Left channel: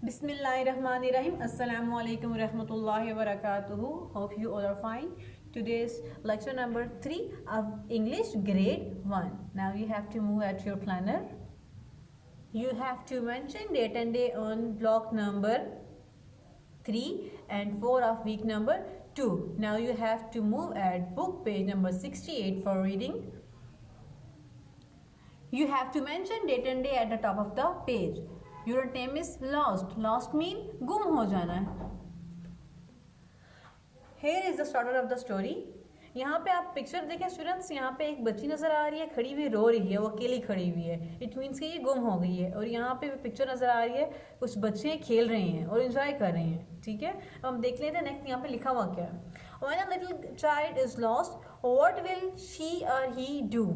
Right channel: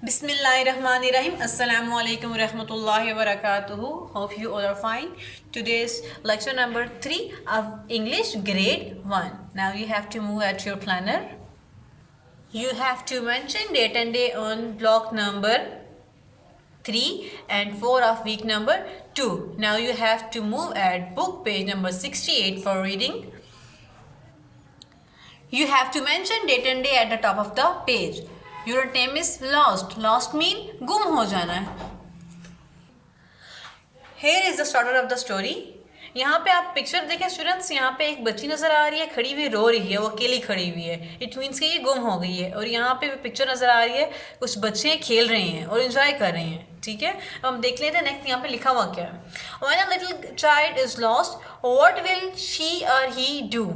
Bismillahirrahmanirrahim. Assalamu alaikum warahmatullahi wabarakatuh. Hope you all are fine. Today's lecture number 3 of English grade 1. Now you have to move at your planner. You have to mention date and day on block number 3 and 4 of week number 2. Now you have to move at book page number 68 for reading. You have to mention date and day at the top of the page. Your name is lost. Lost mean गुम हो जाना है. Here is the starter of the story. यहाँ पे आप picture देखें students, यहाँ पे एक बच्ची नज़र आ रही है, खड़ी हुई रो रही है, वो अकेली खड़ी हुई है. इट मीन्स कि ये गुम हो गई है. और यहाँ पे पिक्चर नज़र आ रही है, कुछ बच्चे खेल रहे हैं और इन्जॉय कर रहे हैं. ठीक है, अब हम देख लेते हैं नेक्स्ट यहाँ पे लिखा हुआ क्या है. When a little child is lost, what will she or he do?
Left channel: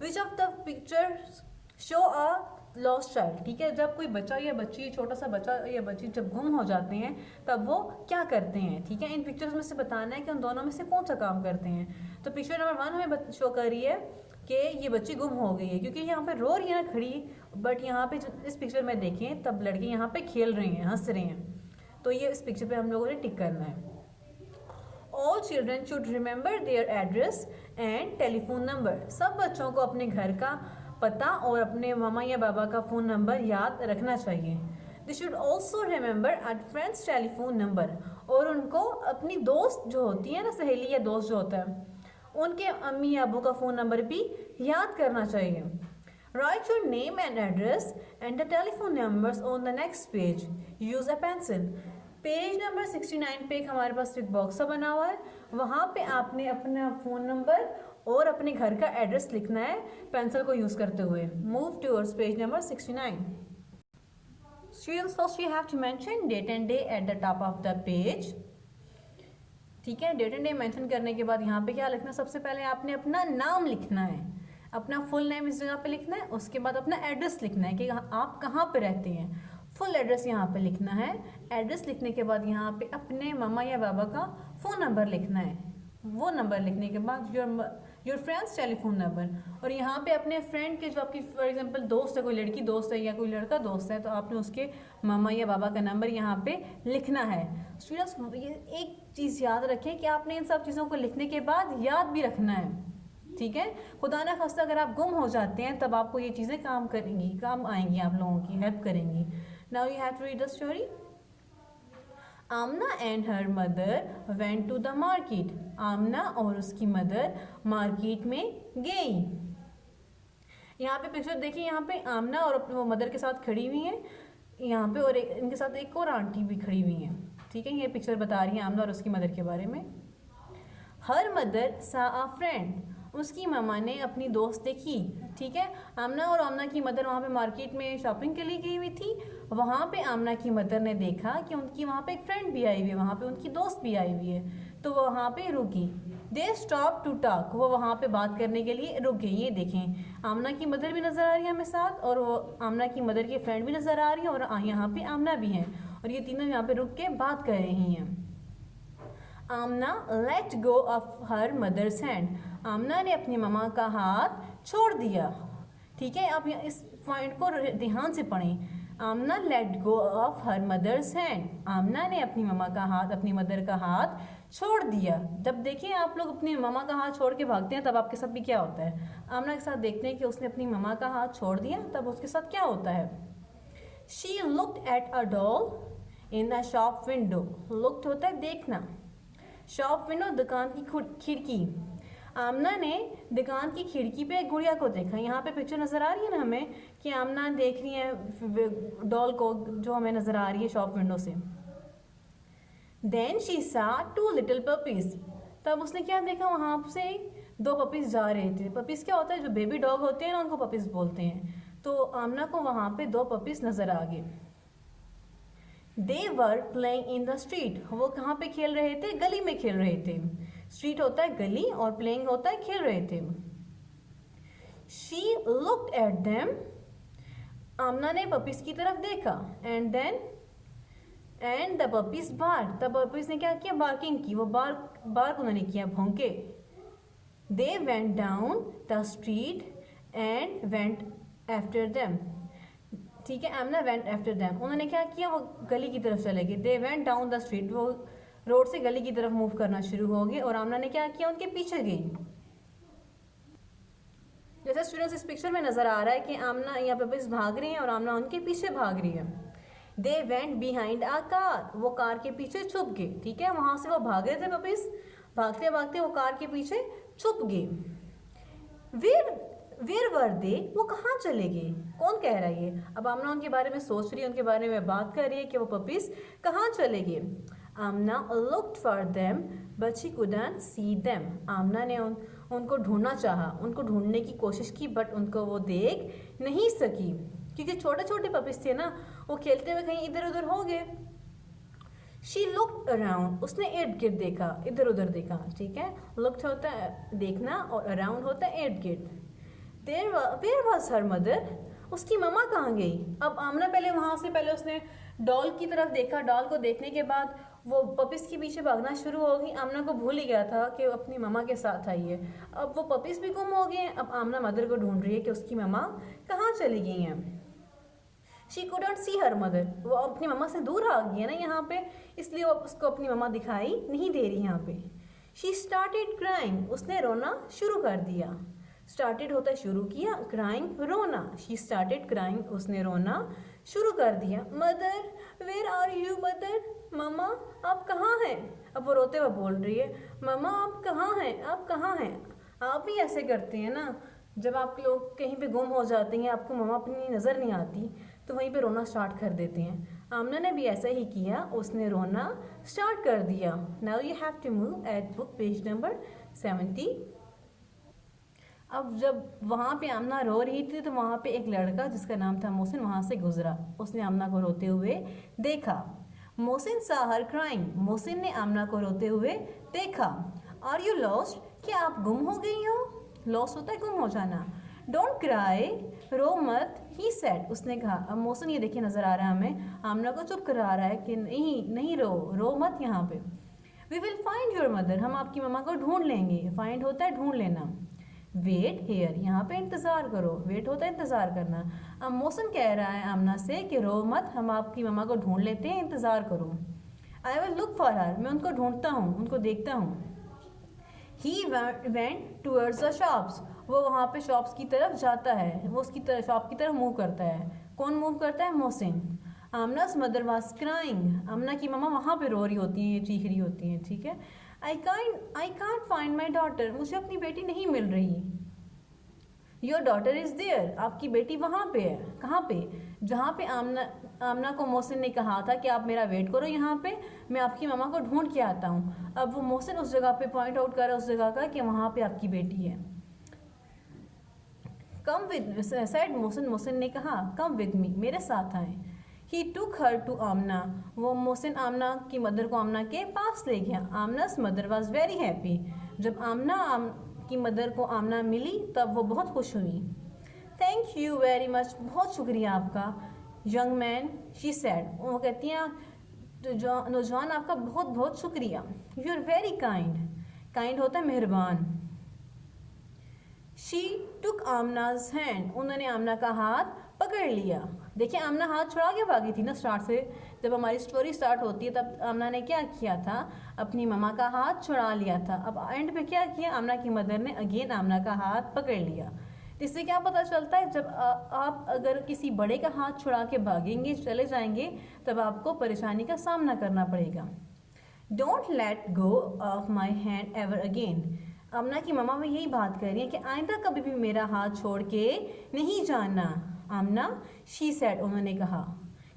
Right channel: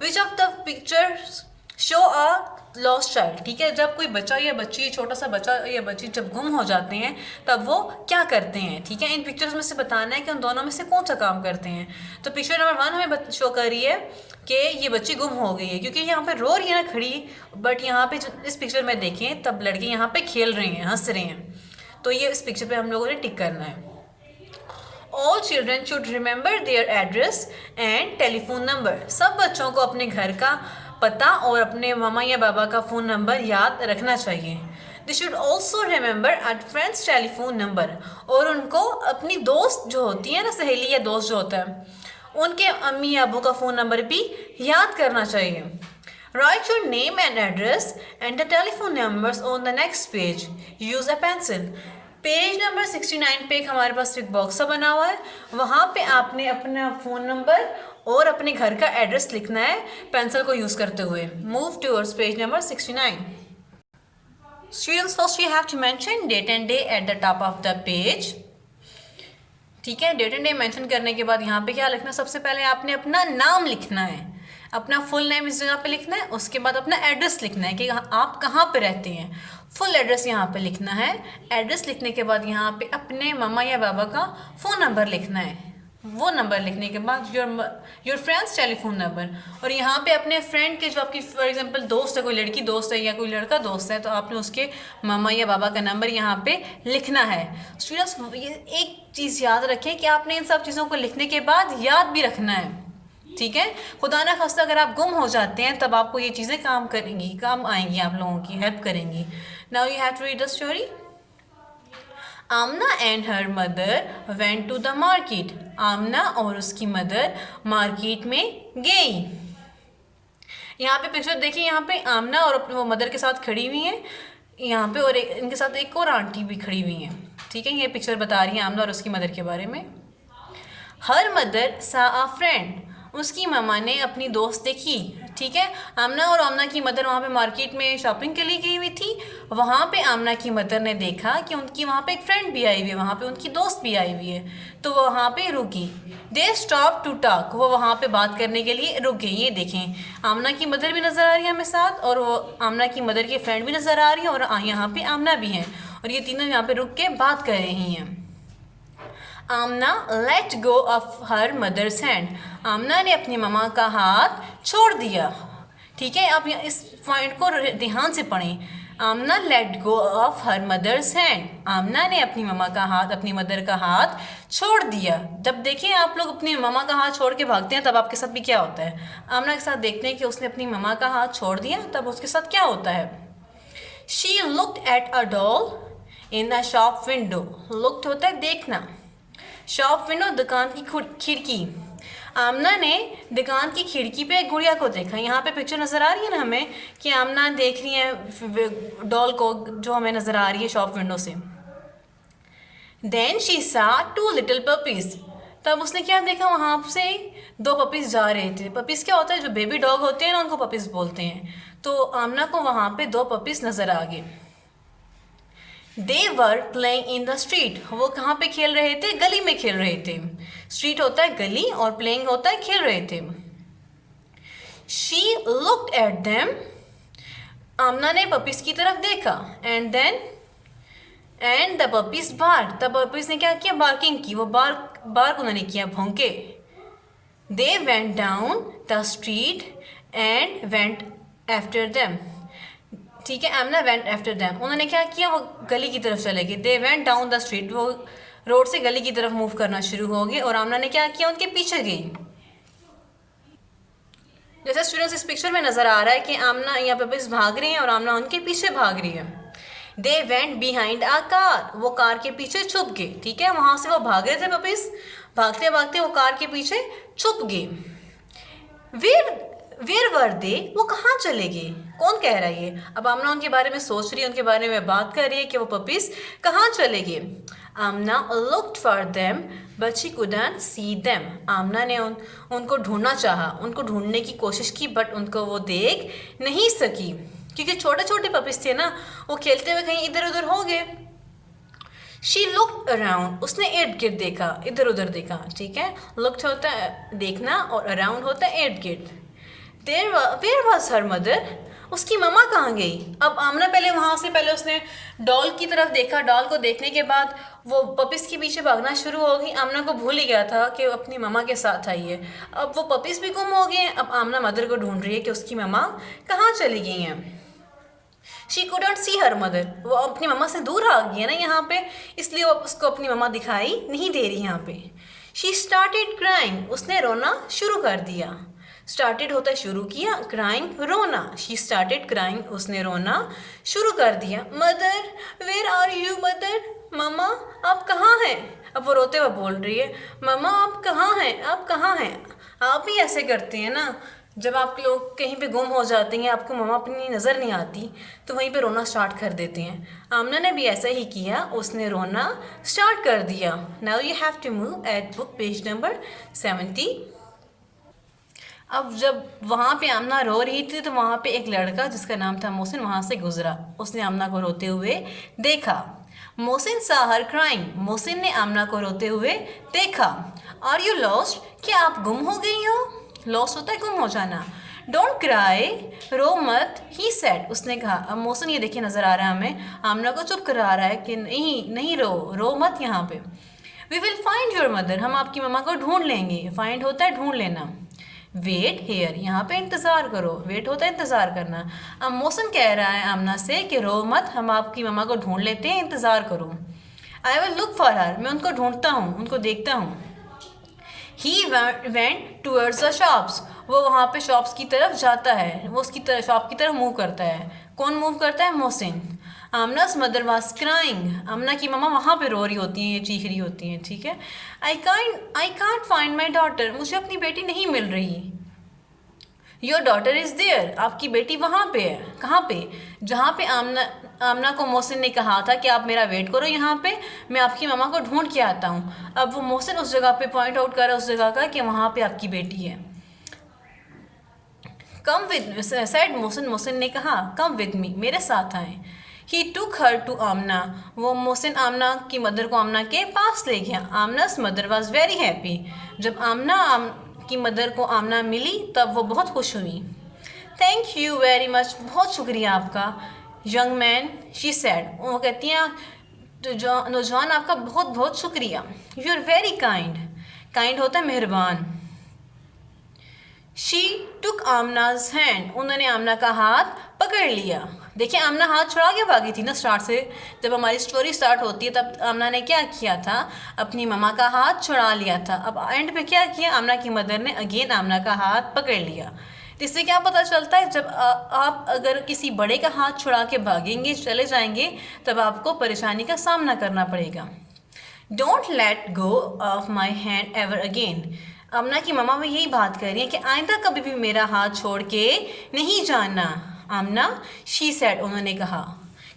Which of the pictures show a lost child. ठीक है, जब कोई बच्चा या बच्ची, छोटा सा बच्चा या बच्ची जब गुम हो जाते हैं तब वो क्या करते हैं. ठीक है, इन पिक्चर्स में से बताना है कि उन दोनों में से कौन सा काम करते हैं. तो पिक्चर नंबर 1 हमें शो कर रही है कि ये बच्ची गुम हो गई है, क्योंकि यहाँ पे रो रही है ना खड़ी. बट यहाँ पे इस पिक्चर में देखें तब लड़के यहाँ पे खेल रहे हैं, हंस रहे हैं. तो ये इस पिक्चर पे हम लोगों ने टिक करना है. All children should remember their address and telephone number. सब बच्चों को अपने घर का पता और अपने मामा या बाबा का फ़ोन नंबर याद रखना चाहिए. They should also remember a friend's telephone number. और उनको अपनी दोस्त जो होती है ना, सहेली या दोस्त जो होता है, उनके अम्मी या अबू का फ़ोन नंबर भी याद करना चाहिए. Write your name and address and the telephone numbers on the next page. Use a pencil. Page number 69 पे एक हमारे पास एक बॉक्स सा बना हुआ है, वहाँ पे आपने अपना फ़ोन नंबर और अपने घर का एड्रेस लिखना है पेंसिल को यूज़ करते हुए. Move towards page number 69. Students, first you have to mention date and day at the top of the page. ठीक है, डेट एंड डे मेंशन करने के बाद यहाँ पे क्या लिखना है, सबसे पहले आपने अपना नाम लिखना है, अपना फुल नेम इस जगह पे लिखना है. उसके बाद अपना एड्रेस लिखना है कि आप कहाँ पे रहते हैं. फुल एड्रेस यहाँ पे लिखना है. एड्रेस लिखने के बाद यहाँ पे अपने मामा या बाबा का फ़ोन नंबर लिखना है. वो नंबर लिखने के बाद योर फ्रेंड्स टेलीफोन नंबर. और यहाँ पे अपने फ्रेंड के, जो आपकी फॉर एग्जांपल दोस्त है, कोई लड़की दोस्त है या कोई लड़का दोस्त है, तो आपने उसके मामा या बाबा का नंबर यहाँ पे लिखना है. स्टूडेंट्स, ये एक चीज़ याद रखें कि आपने इन सब चीज़ों को लिखने के बाद याद भी रखना है. ठीक है, खुदा ना खास्ता अगर आप गुम हो जाते हैं तब आपको ये चीज़ें काम करेंगी, काम आएंगी, आप लोगों की हेल्प करेंगी. Now you have to read the story. Amna and her mother went to the market. Amna और उसकी मदर मार्केट में गई. यहाँ पे पिक्चर देखिए, यहाँ पे आमना और अपने वो मदर के साथ खड़ी हुई हैं यहाँ पे, और इनके साथ एक और आंटी भी खड़ी हुई हैं. ठीक है, ये पिक्चर बता रही है आमना और उसकी मदर के बारे में. हर मदर सा अ फ्रेंड. उसकी मामा ने अपनी दोस्त देखी. ठीक है, आमना और आमना की मदर वहाँ पे मार्केट में शॉपिंग के लिए गई हुई थी. वहाँ पे आमना की मदर ने देखा कि उनकी वहाँ पे एक फ्रेंड भी आई हुई है, वहाँ पे उनकी दोस्त भी आई हुई है, तो वो वहाँ पे रुकी. They stop to talk. वो वहाँ पे बात करने के लिए रुक गई. ये देखें, आमना की मदर भी नज़र आ रही है हमें साथ, और वो आमना की मदर की फ्रेंड भी नज़र आ रही है, और यहाँ पे आमना भी हैं, और ये तीनों यहाँ पे रुक के बात कर रही हैं. Amna let go of her mother's hand. Amna ने अपनी ममा का हाथ छोड़ दिया. ठीक है, आप इस पॉइंट को ध्यान से पढ़ें. Amna let go of her mother's hand. Amna ने अपनी ममा का हाथ, अपनी मदर का हाथ छोड़ दिया. जब देखिए आप लोग अपनी ममा का हाथ छोड़ के भागते हैं तब आपके साथ भी क्या होता है. आमना के साथ देखते हैं कि उसने अपनी ममा का हाथ छोड़ दिया, तब उसके साथ क्या होता है. She looked at a doll in the shop window. Looked होता है देखना, शॉप विंडो दुकान की खिड़की. आमना ने दुकान की खिड़की पे गुड़िया को देखा. यहाँ पे पिक्चर नज़र आ रही है ना हमें कि आमना देख रही है डॉल को जो हमें नज़र आ रही है शॉप विंडो से. देन शी सा 2 लिटिल पपीज़. तब उसने क्या देखा, वहाँ से 2 पपीज़ जा रहे थे. पपीज़ क्या होता है, जो बेबी डॉग होते हैं ना, उनको पपीज़ बोलते हैं. तो आमना को वहाँ पे 2 पपीज़ नज़र आ गए. They were playing in the street. वो कहाँ पे खेल रहे थे, गली में खेल रहे थे. स्ट्रीट होता है गली और प्लेइंग होता है खेल रहे थे. She looked at them. Amna ने पपीज की तरफ देखा. And the puppies bark. तब पपीज ने क्या किया, बार्किंग की. वो बार्क उन्होंने किया, भौंके. They went down the street and went after them. ठीक है, आमना वेंट आफ्टर देम, उन्होंने क्या किया, वो गली की तरफ चले गए। दे वेंट डाउन द स्ट्रीट, वो रोड से गली की तरफ मूव करना शुरू हो गए और आमना ने क्या किया, उनके पीछे गई। जैसे स्टूडेंट्स इस पिक्चर में नज़र आ रहा है कि आमना यहाँ पे बस भाग रही है और आमना उनके पीछे भाग रही है। They went behind a car, वो कार के पीछे छुप गए। ठीक है, वहाँ से वो भाग रहे थे पपीज, भागते भागते वो कार के पीछे छुप गए। वेर वेर वर दे, वो कहाँ चले गए, कौन कह रहा है ये? अब आमना उनके बारे में सोच रही है, उनके बारे में बात कर रही है कि वो पपीज कहाँ चले गए। Amna looked for them but she couldn't see them, Amna ने उनको ढूंढना चाहा, उनको ढूंढने की कोशिश की, बट उनको वो देख नहीं सकी क्योंकि छोटे छोटे पपीज थे ना, वो खेलते हुए कहीं इधर उधर हो गए। शी लुक्ड अराउंड, उसने इर्द गिर्द देखा, इधर उधर देखा। ठीक है, लुक्ड होता है देखना और अराउंड होता है इर्द गिर्द। वेयर वॉज हर मदर, उसकी मम्मा कहाँ गई? अब आमना पहले वहाँ से पहले उसने डॉल की तरफ देखा, डॉल को देखने के बाद वो पपीज के पीछे भागना शुरू हो गई। आमना को भूल ही गया था कि वो अपनी मम्मा के साथ आई है। अब वो पपीज भी गुम हो गए हैं। अब आमना मदर को ढूंढ रही है कि उसकी मम्मा कहाँ चली गई हैं। She couldn't C her mother, वो अपनी मम्मा से दूर आ गई है ना यहाँ पे, इसलिए वो उसको अपनी मम्मा दिखाई नहीं दे रही यहाँ पे। शी स्टार्टेड क्राइंग, उसने रोना शुरू कर दिया। स्टार्टेड होता है शुरू किया, क्राइंग रोना। शी स्टार्टेड क्राइंग, उसने रोना शुरू कर दिया। Mother where are you, mother mama आप कहाँ हैं? अब वो रोते हुए बोल रही है, मम्मा आप कहाँ हैं, आप कहाँ हैं? आप भी ऐसे करते हैं ना, जब आप लोग कहीं पे गुम हो जाते हैं, आपको मम्मा अपनी नज़र नहीं आती तो वहीं पे रोना स्टार्ट कर देते हैं। आमना ने भी ऐसा ही किया, उसने रोना स्टार्ट कर दिया। Now you have to move at book page number 70। अब जब वहाँ पे आमना रो रही थी तो वहाँ पे एक लड़का जिसका नाम था मोहसिन वहाँ से गुजरा। उसने आमना को रोते हुए देखा। मोहसिन सा हर क्राइंग, मोहसिन ने आमना को रोते हुए देखा। आर यू लॉस्ट, क्या आप गुम हो गई हो? लॉस्ट होता है गुम हो जाना। डोंट क्राई, रो मत, ही सेड, उसने कहा। अब मोहसिन ये देखिए नज़र आ रहा है हमें, आमना को चुप करा रहा है कि नहीं नहीं रो मत यहाँ पे। We will find your mother, हम आपकी मम्मा को ढूंढ लेंगे। फाइंड होता है ढूंढ लेना। वेट हेयर, यहाँ पे इंतज़ार करो। वेट होता है इंतज़ार करना। अब मोहसिन कह रहा है आमना से कि रो मत, हम आपकी मम्मा को ढूंढ लेते हैं, इंतज़ार करो। आई विल लुक फॉर हर, मैं उनको ढूंढता हूँ, उनको देखता हूँ। He went towards the shops, वो वहाँ पे शॉप्स की तरफ जाता है, वो उसकी तरफ शॉप की तरफ मूव करता है। कौन मूव करता है? मोहसिन। आमना's मदर वाज क्राइंग, आमना की मम्मा वहाँ पे रो रही होती हैं, ये चीख रही होती हैं। ठीक है, I can't find my daughter, मुझे अपनी बेटी नहीं मिल रही। योर डॉटर इज़ देयर, आपकी बेटी वहाँ पे है। कहाँ पे? जहाँ पे आमना को मोहसिन ने कहा था कि आप मेरा वेट करो यहाँ पे, मैं आपकी मम्मा को ढूंढ के आता हूँ। अब वो मोहसिन उस जगह पे पॉइंट आउट कर रहा है, उस जगह का, कि वहाँ पे आपकी बेटी है। Come with sad Mohsin, Mohsin ने कहा कम विद मी, मेरे साथ आए। ही टुक हर टू आमना, वो मोहसिन आमना की मदर को आमना के पास ले गया। आमना's मदर वॉज वेरी हैप्पी, जब आमना की मदर को आमना मिली तब वो बहुत खुश हुई। थैंक यू वेरी मच, बहुत शुक्रिया आपका। यंग मैन, शी सैड, वो कहती हैं नौजवान आपका बहुत बहुत शुक्रिया। You are very kind, kind होता है मेहरबान। शी टुक आमना's हैंड, उन्होंने आमना का हाथ पकड़ लिया। देखिए आमना हाथ छुड़ा के भागी थी ना स्टार्ट से, जब हमारी स्टोरी स्टार्ट होती है तब आमना ने क्या किया था, अपनी मम्मा का हाथ छुड़ा लिया था। अब एंड पे क्या किया, आमना की मदर ने अगेन आमना का हाथ पकड़ लिया। इससे क्या पता चलता है, जब आप अगर किसी बड़े का हाथ छुड़ा के भागेंगे, चले जाएंगे, तब आपको परेशानी का सामना करना पड़ेगा। Don't let go of my hand ever again, Amna की मम्मा भी यही बात कर रही है कि आइंदा कभी भी मेरा हाथ छोड़ के नहीं जाना। आमना, शी सैड, उन्होंने कहा,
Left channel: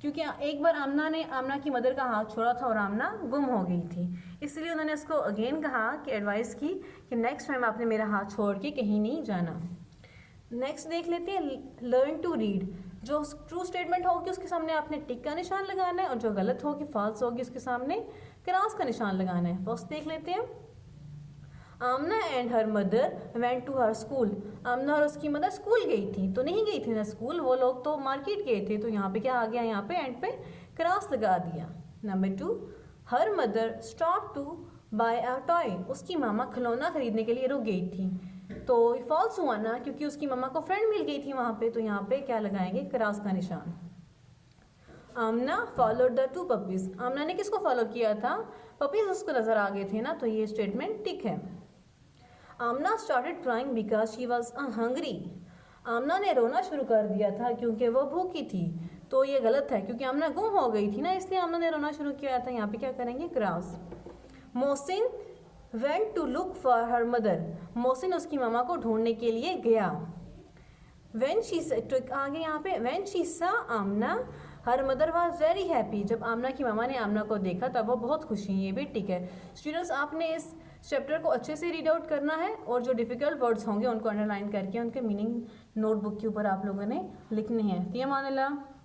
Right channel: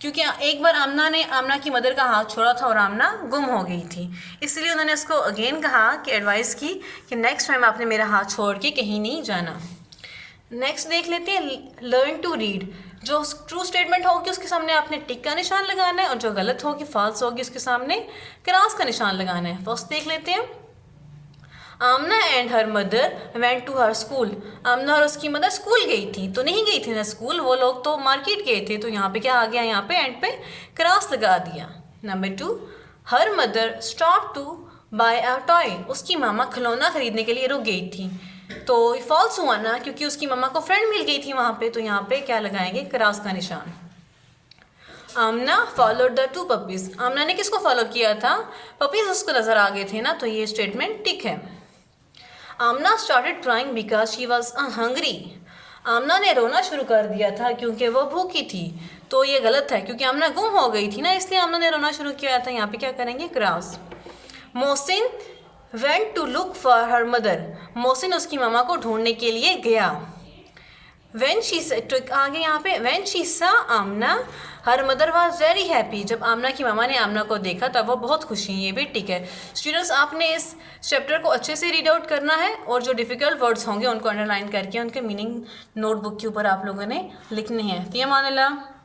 क्योंकि एक बार आमना ने आमना की मदर का हाथ छोड़ा था और आमना गुम हो गई थी, इसलिए उन्होंने उसको अगेन कहा कि एडवाइस की कि नेक्स्ट टाइम आपने मेरा हाथ छोड़ के कहीं नहीं जाना। नेक्स्ट देख लेते हैं, लर्न टू रीड। जो ट्रू स्टेटमेंट होगी उसके सामने आपने टिक का निशान लगाना है और जो गलत होगी, फॉल्स होगी, उसके सामने क्रॉस का निशान लगाना है। फर्स्ट देख लेते हैं, Amna and her mother went to her school, Amna और उसकी मदर स्कूल गई थी, तो नहीं गई थी ना स्कूल, वो लोग तो मार्केट गए थे, तो यहाँ पे क्या आ गया, यहाँ पे एंड पे क्रॉस लगा दिया। Number 2, her mother stop to buy a toy, उसकी मामा खिलौना खरीदने के लिए रुक गई थी, तो फॉल्स हुआ ना, क्योंकि उसकी मम्मा को फ्रेंड मिल गई थी वहाँ पे, तो यहाँ पे क्या लगाएंगे, क्रॉस का निशान। आमना फॉलोड द टू पपीज। आमना ने किसको फॉलो किया था? पपीज उसको नजर आ गए थे ना, तो ये स्टेटमेंट टिक है। Amna started crying because she was hungry. Amna ने रोना शुरू कर दिया था क्योंकि वो भूखी थी, तो ये गलत है क्योंकि आमना गुम हो गई थी ना, इसलिए आमना ने रोना शुरू किया था। यहाँ पे क्या करेंगे? Cross. Mohsin went to look for her mother. Mohsin उसकी मामा को ढूंढने के लिए गया। When she took आगे यहाँ पे when she saw Amna her mother was very happy. जब आमना की मामा ने आमना को देखा तब वो बहुत खुशी। ये भी ठीक है। स्टूडेंट्स, आपने इस चैप्टर को अच्छे से रीड आउट करना है और जो डिफ़िकल्ट वर्ड्स होंगे उनको अंडरलाइन करके उनके मीनिंग नोटबुक के ऊपर आप लोगों ने लिखने हैं। फ़ी अमान अल्लाह।